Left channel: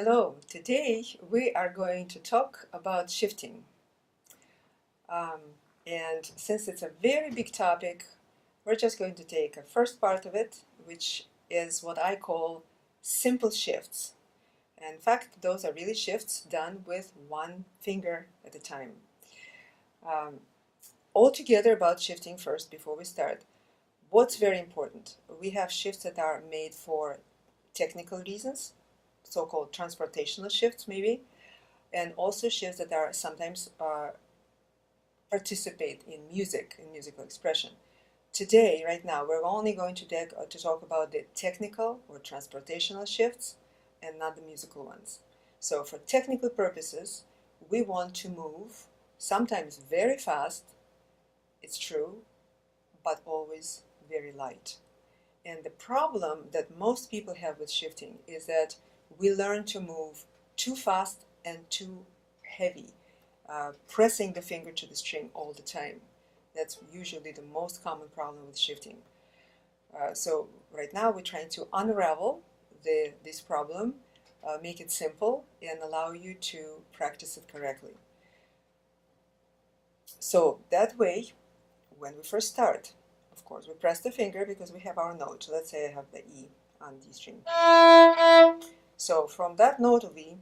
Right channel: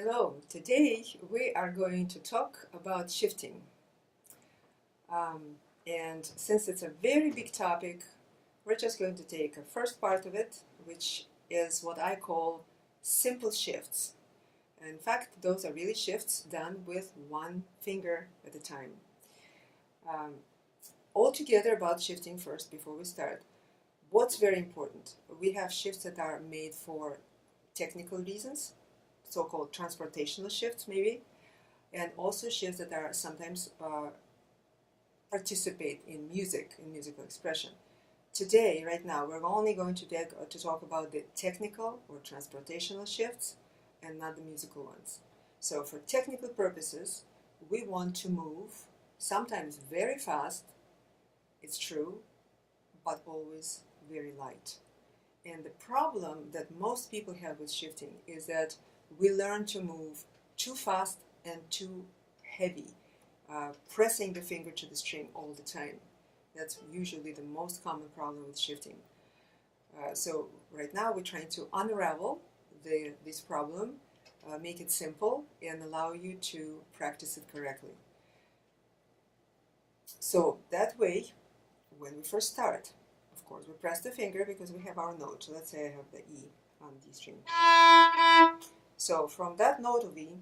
Hello, today we are going to talk about shifting. Um, and since it's a very big topic, we're just going to take a first part of it, which is what I call simple shifts. And in fact, those are really shifts done with one finger at a time. Um, Altogether about shifting first before we start. What's very important? We have shifts that are made for technical reasons, so-called transportational shifts maybe, and also shifts that are sometimes participate in music, in musical expression. Today, right now, we're only going to talk about the technical or transportational shifts and not the musical ones. So for technical purposes, we want to move sometimes very fast, it's true, but always very light. And the problem that most people have with shifting is that we learn to move too fast and too heavy, pressing the finger to the string all the time. That's usually the most common problem with shifting. So right now we're trying to unravel this problem, make it simple, and allow you to practice it correctly. So that way, when we first start, of course, we press the finger because we have our note. So let's say I have the E on D string. So from that note of E,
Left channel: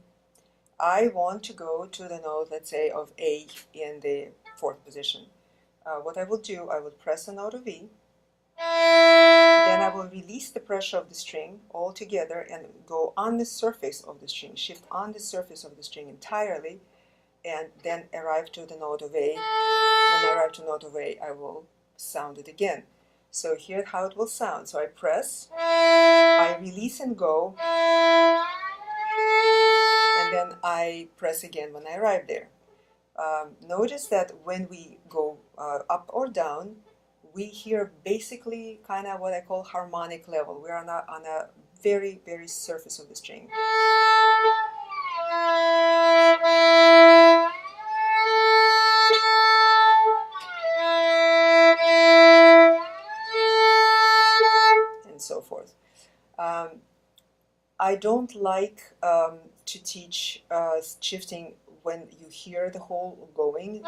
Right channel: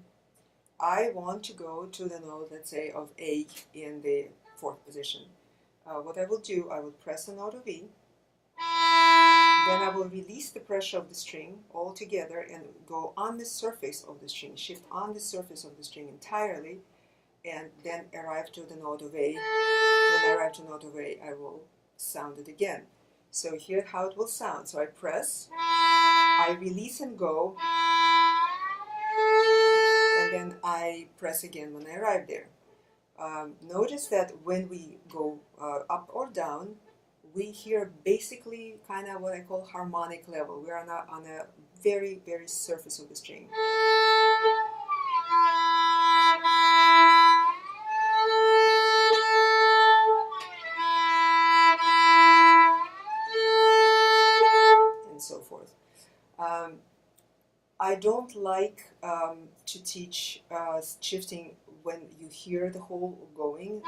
I want to go to the note, let's say, of A in the fourth position. What I will do, I will press the note of E, then I will release the pressure of the string altogether and go on the surface of the string, shift on the surface of the string entirely, and then arrive to the note of A. When I arrive to the note of A, I will sound it again. So here's how it will sound. So I press, I release and go, and then I press again when I arrive there. Notice that when we go up or down, we hear basically kind of what I call harmonic level. We are not on a very, very surface of the string. And so forth. I don't like to teach shifting when you hear the whole going.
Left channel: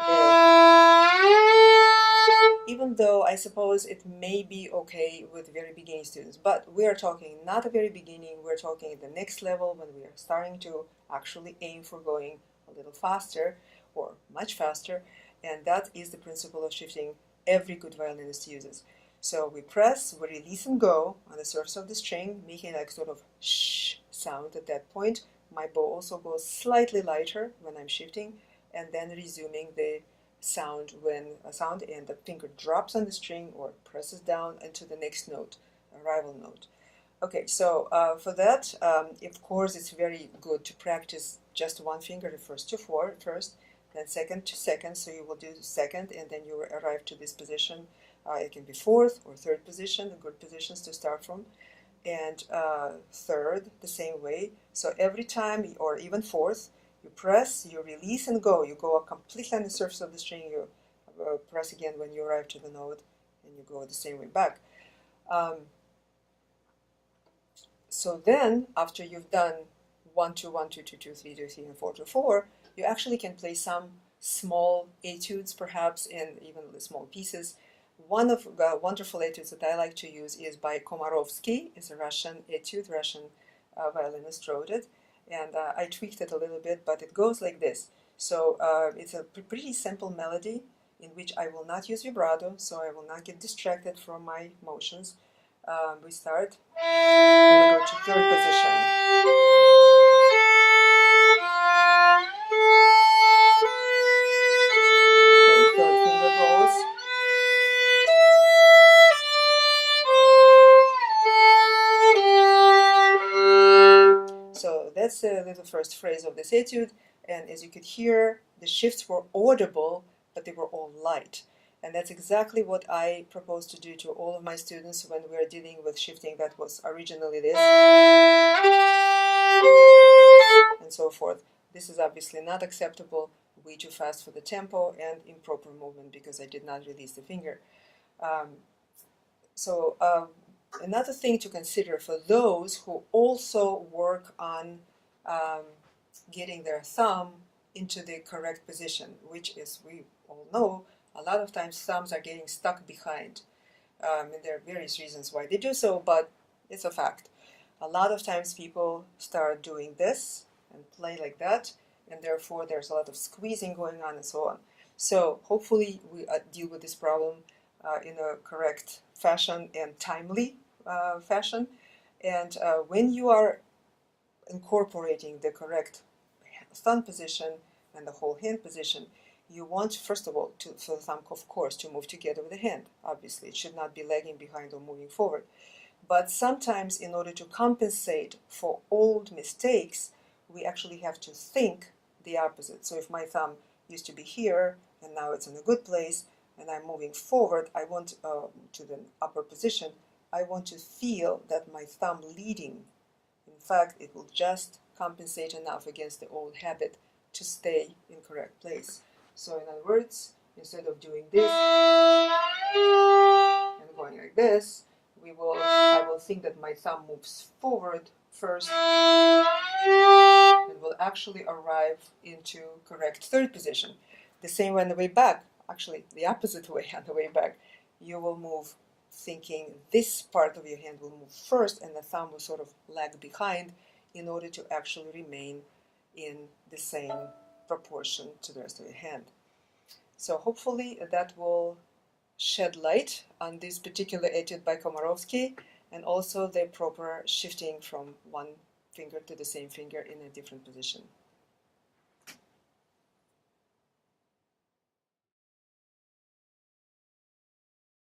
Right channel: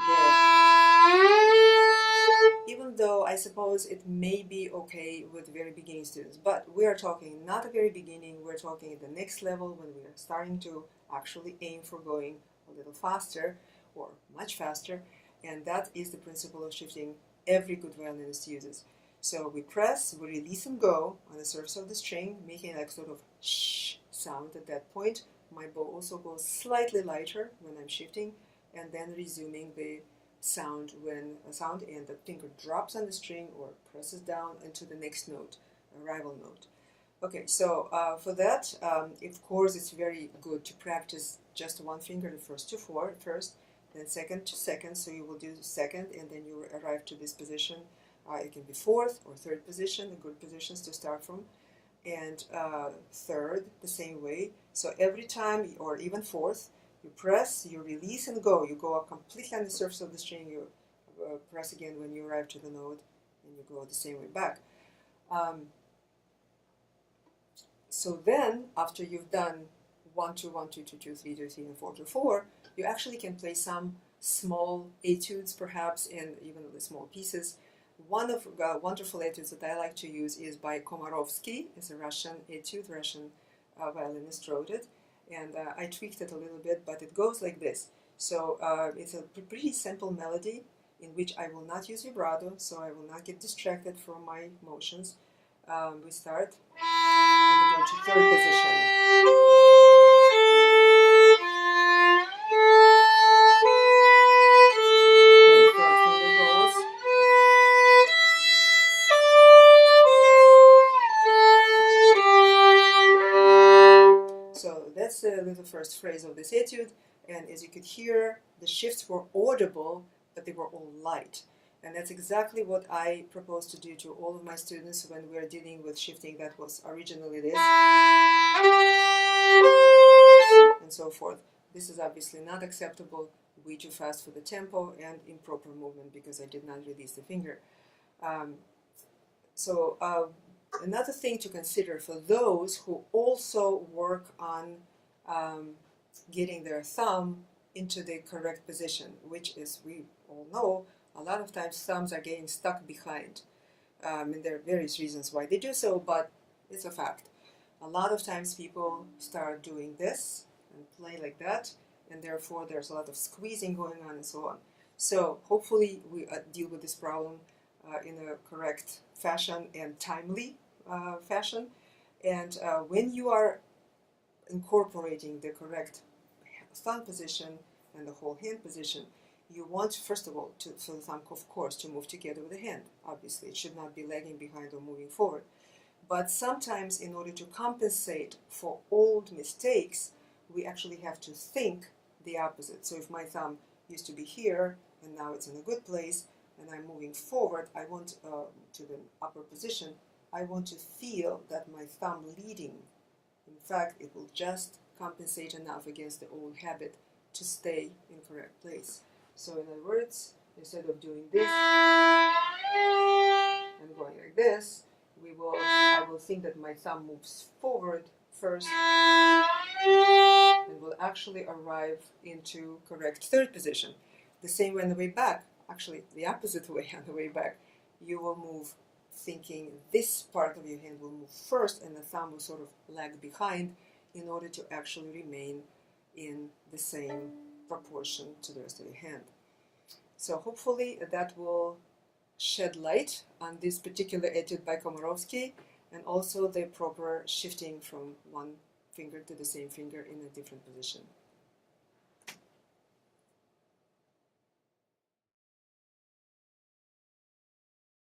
Even though I suppose it may be okay with very beginning students, but we are talking not a very beginning, we're talking at the next level when we are starting to actually aim for going a little faster or much faster, and that is the principle of shifting every good violinist uses. So we press, we release and go on the surface of the string, making like sort of shh sound at that point. My bow also goes slightly lighter when I'm shifting, and then resuming the sound when and the finger drops on the string or presses down into the next note, a rival note. Okay, so for that, of course, it's very good to practice just one finger, the first to four first, then second to second. So you will do the second, and then you arrive to this position. It can be fourth or third position, the good positions to start from, and third the same way. So every time, or even fourth, you press, you release and go. You go completely on the surface of the string. You press again when you arrive to the note, and you go the same way back. So then, after you've done 1, 2, 1, 2, 2, 2, 3, 2, 3, and 4, 2, 4, you actually can play some small etudes, perhaps, and even small pieces. One of the wonderful etudes that I like to use is by Komarovsky. It's a Russian etude, Russian violinist wrote it, and I tweaked it a little bit, but it goes like this. So it's a pretty simple melody in which I will not use vibrato, so I will not get distracted from my motions. We start, and we go to third position. Then third finger goes. So that's the little first phrase of this etude, and as you could hear, the shifts were audible, but they were all light. And that's exactly what I propose to do to all of my students when we are dealing with shifting that was originally this, and so forth. This is obviously not acceptable, way too fast for the tempo, and improper movement because I did not release the finger. Another thing to consider for those who also work on getting their thumb into the correct position, which is, we all know, a lot of times thumbs are getting stuck behind. And there are various reasons why they do so, but it's a fact. A lot of times people start doing this and play like that, and therefore there's a lot of squeezing going on and so on. So hopefully we deal with this problem in a correct fashion and timely fashion. And when you are incorporating the correct thumb position and the whole hand position, you want, first of all, for the thumb, of course, to move together with the hand. Obviously, it should not be lagging behind or moving forward. But sometimes, in order to compensate for old mistakes, we actually have to think the opposite. So if my thumb used to be here, and now it's in a good place, and I'm moving forward, I want to the upper position, I want to feel that my thumb leading. In fact, it will just compensate enough against the old habit to stay in correct place. So in other words, instead of doing this and going like this, I will think that my thumb moves forward first and will actually arrive into correct third position. The same way on the way back, actually the opposite way on the way back. You will move thinking this part of your hand will move first and the thumb will sort of lag behind in order to actually remain in the same proportion to the rest of your hand. So hopefully that will shed light on this particular etude by Komarovsky, and also the proper shifting from one finger to the same finger in a different position.